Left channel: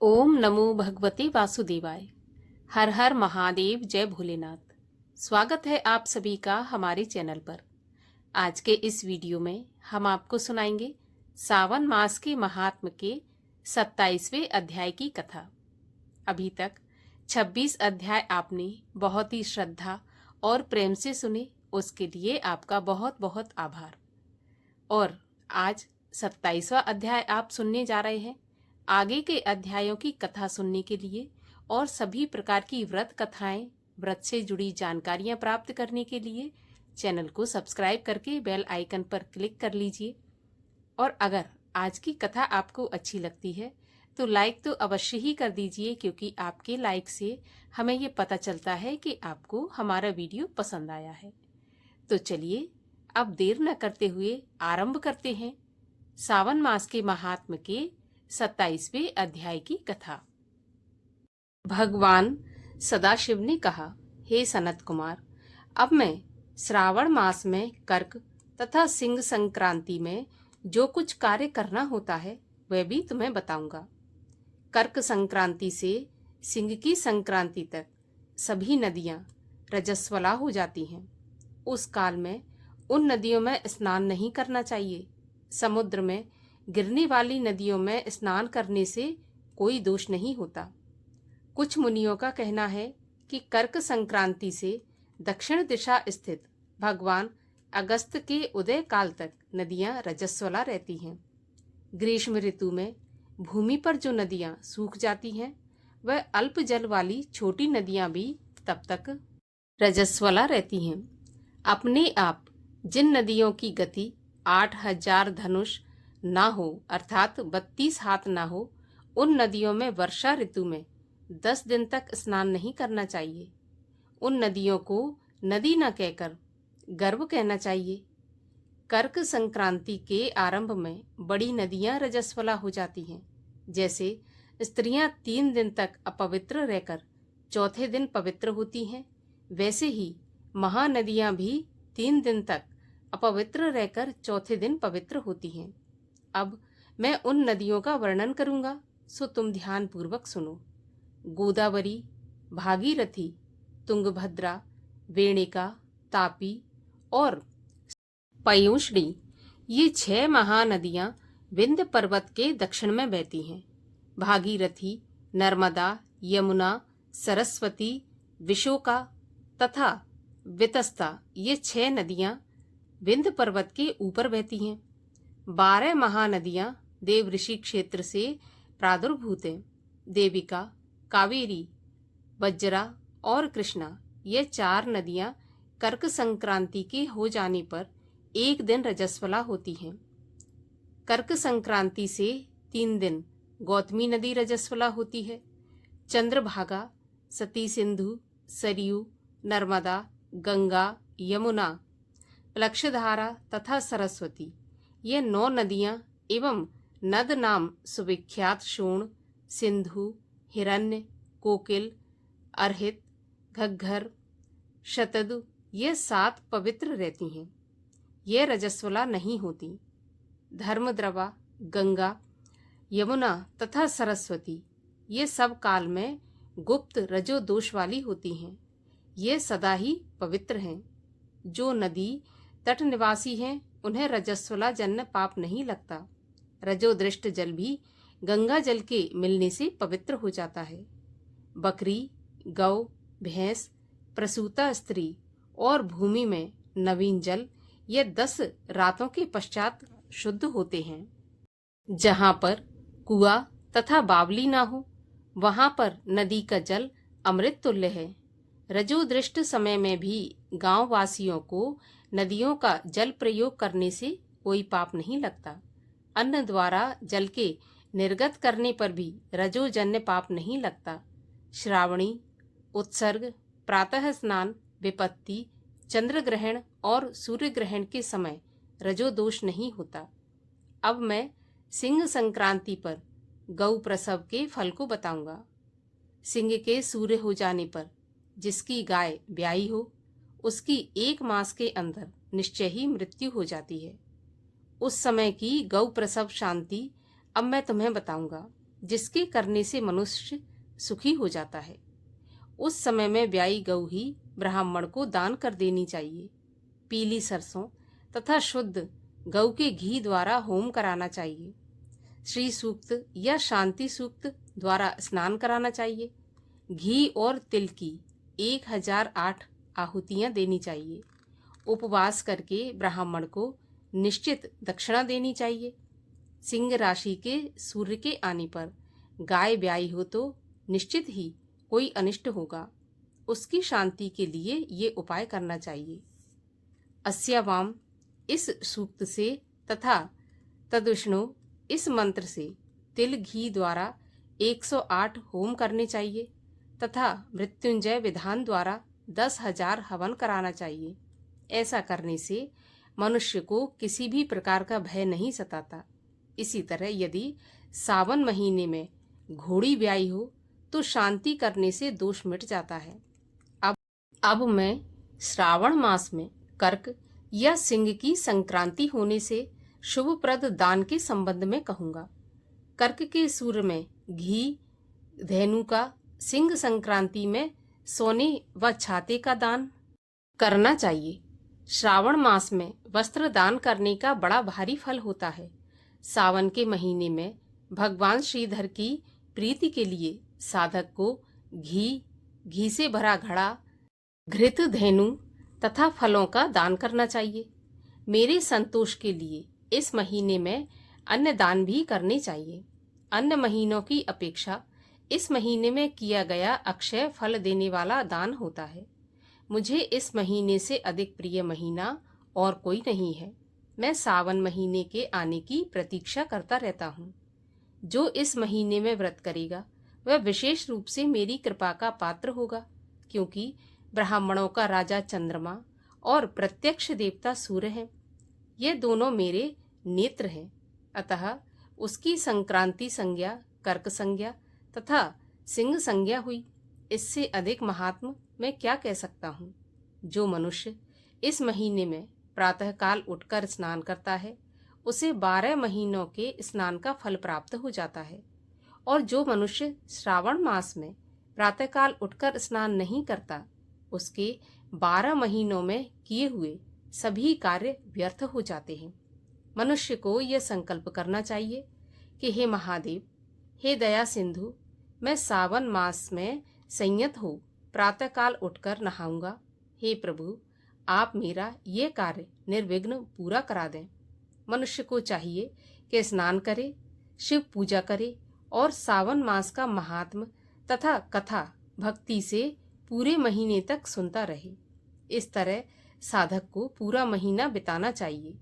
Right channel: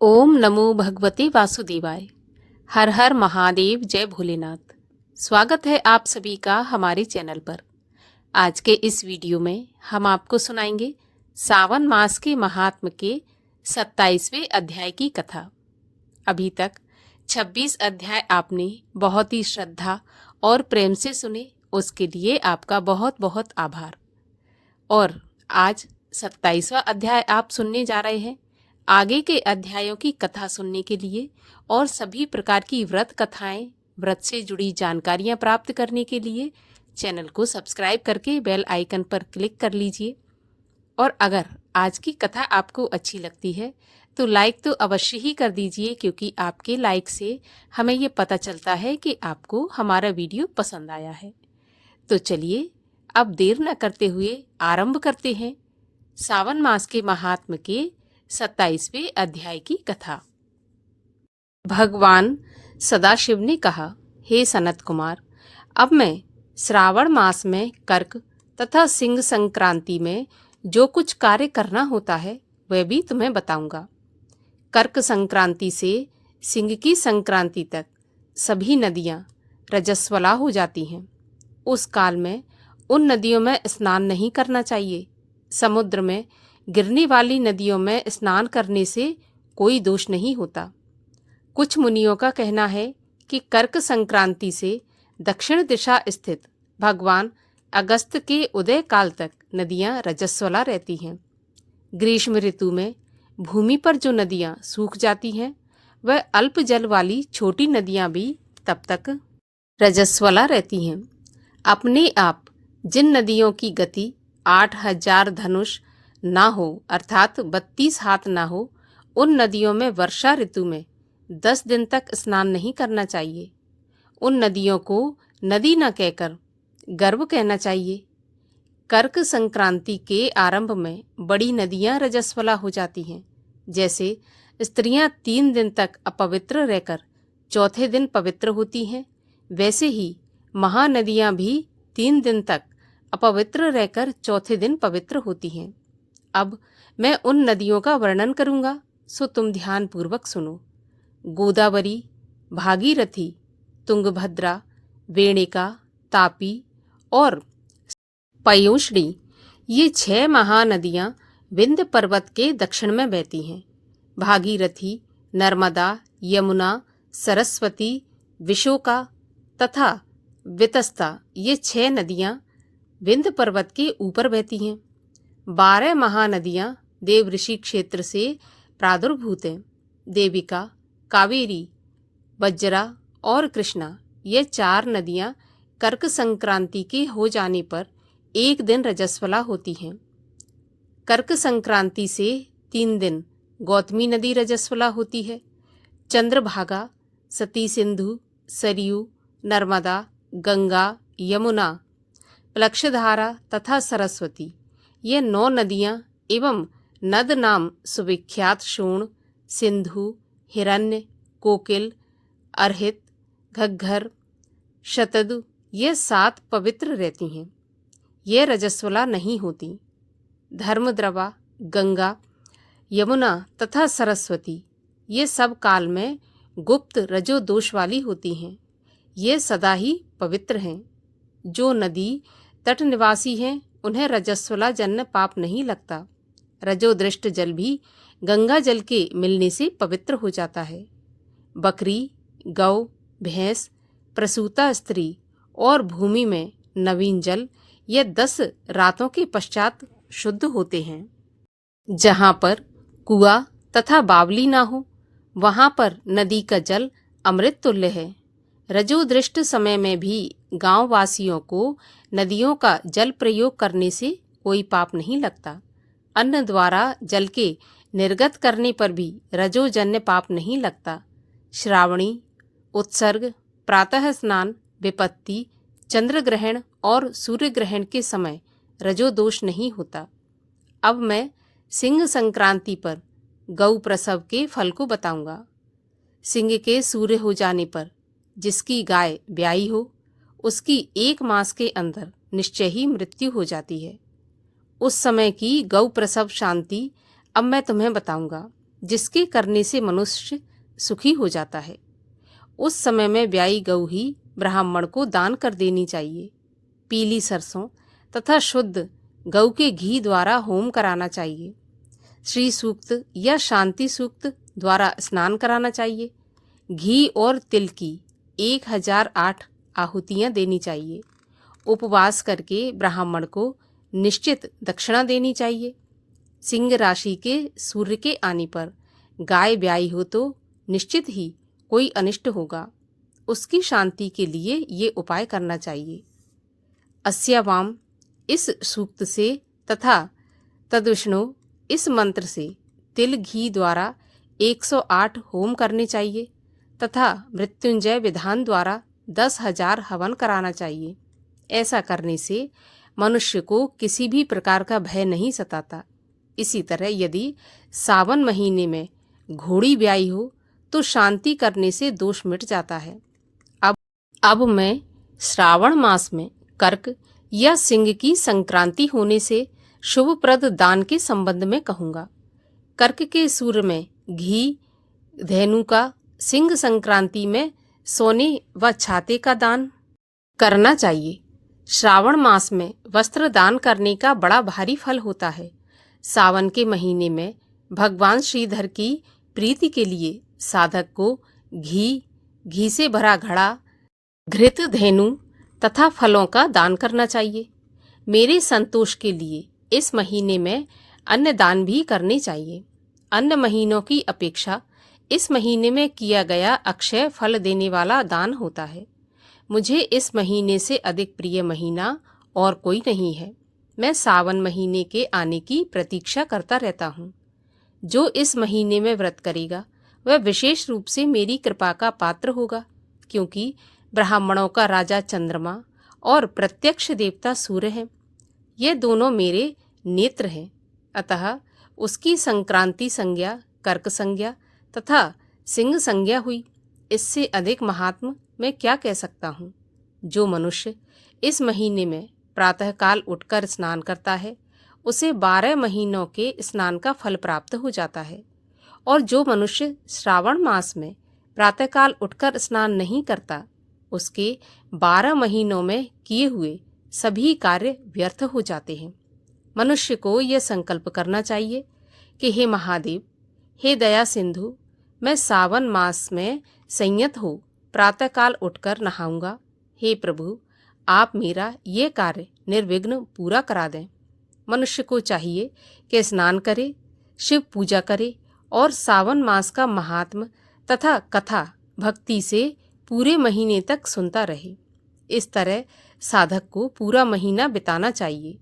ओम नमो भगवते वासुदेवाय। हर हर महादेव, जय भोलेनाथ। स्वागत है आप सभी का हमारे चैनल पर। आज के इस वीडियो में हम आपको सुनाएंगे सावन मास के महात्म के 27वें अध्याय की कथा। अभी तक 26 अध्याय आपने बहुत ही श्रद्धा और प्रेम से सुने, उसके लिए आपका बहुत बहुत आभार। और आज 27वां अध्याय आप सुनने जा रहे हैं। आगे के अध्यायों की कथा सुनने के लिए और सभी प्रकार की व्रत कथाएं, व्रत से जुड़ी जानकारियां प्राप्त करने के लिए चैनल को सब्सक्राइब करके बेल आइकन पर क्लिक कर लीजिए। और अगर आज की कथा आपको अच्छी लगती है तो लाइक तो अवश्य ही कर दीजिए, क्योंकि आपके लाइक से हमें ये पता चलता है कि आपको हमारा वीडियो पसंद आया है। तो चलिए अब देर न करते हुए आरंभ करते हैं सावन मास के महात्म के 27वें अध्याय की कथा। भगवान सदाशिव ने कहा, हे सनत कुमार, अब मैं श्रावण मास में कर्क तथा सिंह संक्रांति में जो कुछ कार्य करना होता है वह भी तुम्हें बताऊंगा। कर्क संक्रांति से सिंह की संक्रांति तक सभी नदियां रजस्वला हो जाती हैं। उस काल में उन नदियों में स्नान नहीं करना चाहिए। समुद्र में गिरने वाली नदियों में स्नान करने से कोई दोष नहीं होता। कुछ मुनियों का कहना है कि कर्क संक्रांति से दक्षिण दिशा स्थित भगवान अगस्त के उदय काल तक नदियां रजस्वला रहती हैं। ग्रीष्म ऋतु में भूमि पर जो नदियां सूख जाती हैं वह अल्प जल वाली छोटी नदियां भी तब तक रजस्वला रहती हैं। अपने आप जिन नदियों की गति 8,000 धनुष ना हो, अर्थात 32 हाथ ना हो, उन नदियों में वर्षा ऋतु में 10 दिन तक स्नान नहीं करना चाहिए। उन नदियों को नदी न कहकर गर्भ कहना चाहिए। कर्क संक्रांति के आरंभ में बड़ी नदियां रजस्वला हो जाती हैं। जैसे स्त्रियां 3 दिन तक अपवित्र रहकर चौथे दिन पवित्र होती हैं, वैसे ही महानदियां भी 3 दिन तक अपवित्र रहकर चौथे दिन पवित्र होती हैं। अब मैं उन नदियों का वर्णन करूंगा, सो तुम ध्यान पूर्वक सुनो। गोदावरी, भागीरथी, तुंगभद्रा, वेणिका, तापी और पयोष्णी, ये 6 महानदियां विंध्य पर्वत के दक्षिण में बहती हैं। भागीरथी, नर्मदा, यमुना, सरस्वती, विशोका तथा वितस्ता, ये 6 नदियां विंध्य पर्वत के ऊपर बहती हैं। 12 महानदियां देव ऋषि क्षेत्र से प्रादुर्भूत हैं। देविका, कावेरी, बज्रा और कृष्णा, ये 4 नदियां कर्क संक्रांति के हो जाने पर एक दिन रजस्वला होती हैं। कर्क संक्रांति से 3 दिन गौतमी नदी रजस्वला होती है। चंद्रभागा, सती सिंधु, सरयू, नर्मदा, गंगा, यमुना, प्लक्षधारा तथा सरस्वती, ये 9 नदियां एवं नद नाम सुविख्यात शोण, सिंधु, हिरण्य, कोकिल, अर्हित, घग्घर, शतदु, ये 7 पवित्र रहती हैं। ये रजस्वला नहीं होती। धर्मद्रवा, गंगा, यमुना तथा सरस्वती, ये सब काल में गुप्त रजो दोष वाली होती हैं। ये सदा ही पवित्र हैं। जो नदी तट निवासी हैं उन्हें रजस्वला जन्य पाप नहीं लगता। रजोदृष्ट जल भी गंगा जल के मिलने से पवित्र हो जाता है। बकरी, गौ, भैंस, प्रसूता स्त्री और भूमि में नवीन जल, ये 10 रातों के पश्चात शुद्ध होते हैं। जहाँ पर कुआं तथा बावली ना हो, वहाँ पर नदी का जल अमृत तुल्य है। रजोदृष्ट समय में भी गांव वासियों को नदियों का जल प्रयोग करने से कोई पाप नहीं लगता। अन्न द्वारा जल के निर्गत करने पर भी रजोजन्य पाप नहीं लगता। श्रावणी, उत्सर्ग, प्रातः स्नान, विपत्ति, चंद्र ग्रहण और सूर्य ग्रहण के समय रजोदोष नहीं होता। अब मैं सिंह संक्रांति पर गौ प्रसव के फल को बताऊंगा। सिंह के सूर्य हो जाने पर जिसकी गाय ब्याई हो, उसकी 1 मास के अंदर निश्चय ही मृत्यु हो जाती है। उस समय की गौ प्रसव शांति अब मैं तुम्हें बताऊंगा। जिसके करने से मनुष्य सुखी हो जाता है। उस समय में ब्याई गऊ ही ब्राह्मण को दान कर देनी चाहिए। पीली सरसों तथा शुद्ध गऊ के घी द्वारा होम कराना चाहिए। श्री सूक्त या शांति सूक्त द्वारा स्नान कराना चाहिए। घी और तिल की 1008 आहुतियाँ देनी चाहिए। उपवास करके ब्राह्मण को निश्चित दक्षिणा देनी चाहिए। सिंह राशि के सूर्य के आने पर गाय ब्याई हो तो निश्चित ही कोई अनिष्ट होगा। उसकी शांति के लिए ये उपाय करना चाहिए। अस्यावाम इस सूक्त से तथा तद्विष्णु इस मंत्र से तिल घी द्वारा 108 होम करने चाहिए तथा मृत्युंजय विधान द्वारा 10,000 हवन कराना चाहिए। ऐसा करने से मनुष्य को किसी भी प्रकार का भय नहीं सताता। इसी तरह यदि सावन महीने में घोड़ी ब्याई हो तो शांति करने से दोष मिट जाता है। अब मैं श्रावण मास में कर्क या सिंह की संक्रांति होने से शुभप्रद दान के संबंध में कहूँगा। कर्क के सूर्य में घी धेनु का, सिंह संक्रांति में सोने व छाते का दान करना चाहिए। श्रावण मास में वस्त्र दान करने का बड़ा भारी फल होता है। सावन के महीने में भगवान श्रीधर की प्रीति के लिए साधक को घी से भरा घड़ा, घृत धेनु तथा फलों का दान करना चाहिए। मेरे संतोष के लिए इस महीने में अन्य दान भी करने चाहिए। अन्य महीनों की अपेक्षा इस महीने में किया गया अक्षय फल देने वाला दान होता है। मुझे इस महीने से अधिक प्रिय महीना और कोई नहीं है। मैं सावन महीने के आने की प्रतीक्षा करता रहता हूँ। जो इस महीने में व्रत करेगा वह विशेष रूप से मेरी कृपा का पात्र होगा, क्योंकि ब्राह्मणों का राजा चंद्रमा और प्रत्यक्ष देवता सूर्य हैं। ये दोनों मेरे नेत्र हैं। अतः उसकी संक्रांति संज्ञा, कर्क संज्ञा तथा सिंह संज्ञा हुई। इससे अधिक महात्म मैं क्या कह सकता हूँ। जो मनुष्य इस महीने में प्रातःकाल उठकर स्नान करता है उसे 12 महीनों के स्नान का फल प्राप्त हो जाता है, और जो मनुष्य श्रावण मास में प्रातःकाल उठकर स्नान नहीं करता उसके 12 महीनों में किए हुए सभी कार्य व्यर्थ हो जाते हैं। मनुष्य को यह संकल्प करना चाहिए कि हे महादेव, हे दया सिंधु, मैं सावन मास में संयत हो प्रातःकाल उठकर नहाऊंगा। हे प्रभु, आप मेरा ये कार्य निर्विघ्न पूरा करा दें। मनुष्य को चाहिए कि स्नान करे, शिव पूजा करे और सावन मास का महात्म तथा कथा भक्ति से पूरे महीने तक सुनता रहे। इस तरह साधक को पूरा महीना बिताना चाहिए।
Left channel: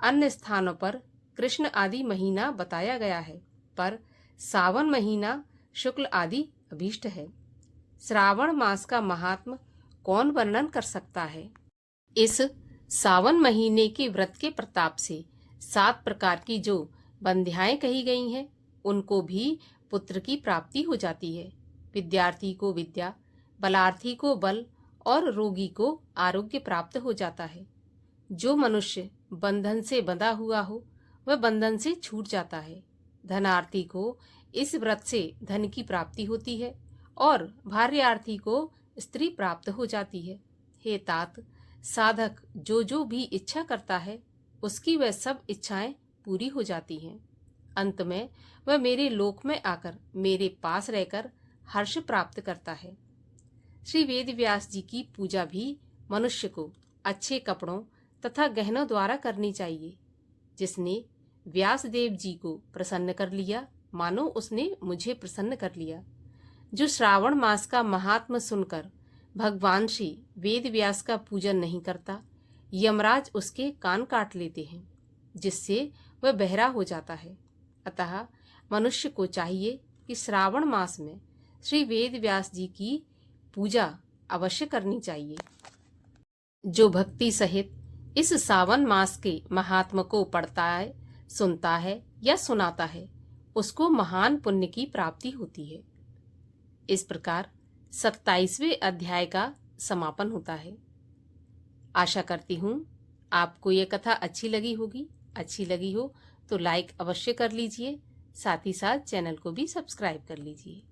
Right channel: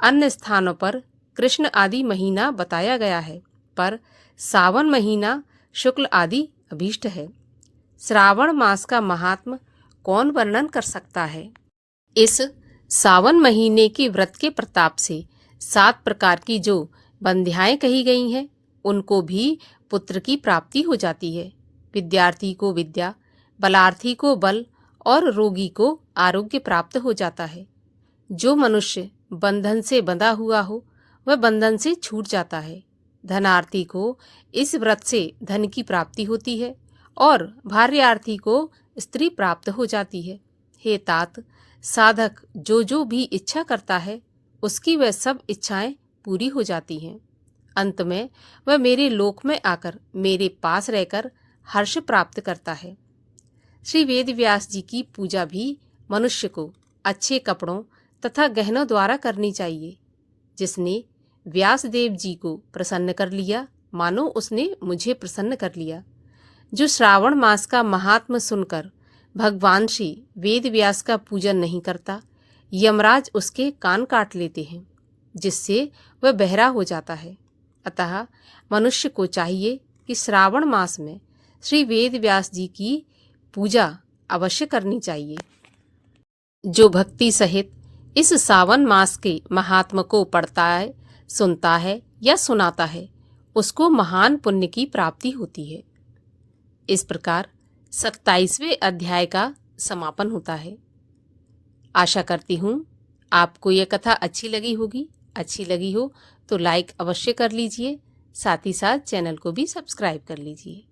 अन्य स्थानों पर कृष्ण आदि महीना बताया गया है, पर सावन महीना शुक्ल आदि अभीष्ट है। श्रावण मास का महात्म कौन वर्णन कर सकता है। इस सावन महीने के व्रत के प्रताप से 7 प्रकार की जो बंध्याएं कही गई हैं उनको भी पुत्र की प्राप्ति हो जाती है। विद्यार्थी को विद्या, बलार्थी को बल और रोगी को आरोग्य प्राप्त हो जाता है। जो मनुष्य बंधन से बंधा हुआ हो वह बंधन से छूट जाता है। धनार्थी को इस व्रत से धन की प्राप्ति होती है और भार्यार्थी को स्त्री प्राप्त हो जाती है। हे तात, साधक जो भी इच्छा करता है उसकी वह सब इच्छाएं पूरी हो जाती हैं। अंत में वह मेरे लोक में आकर मेरे पास रहकर हर्ष प्राप्त करता है। श्री वेद व्यास जी की पूजा भी मनुष्य को अच्छे कपड़ों तथा गहनों द्वारा करनी चाहिए। जिसने व्यास देव जी को प्रसन्न कर लिया, मानो उसने मुझे प्रसन्न कर लिया। जो श्रावण मास का महात्म सुनकर भगवान श्री वेद व्यास का पूजन नहीं करता, यमराज उसके कान काट लेते हैं, जिससे वह बहरा हो जाता है। अतः मनुष्य को चाहिए कि श्रावण मास में श्री वेद व्यास जी की पूजा अवश्य करनी चाहिए। जो भक्ति सहित इस सावन मास के महात्म को पढ़ता है, सुनता है या सुनाता है, उसको महान पुण्य की प्राप्ति होती है। इस प्रकार 27वें अध्याय का समापन होता है। आशा करती हूँ आपको यह कथा अच्छी लगी होगी। अच्छी लगी हो तो लाइक अवश्य कर लीजिए, साथ ही साथ चैनल को भी सब्सक्राइब कर लीजिए।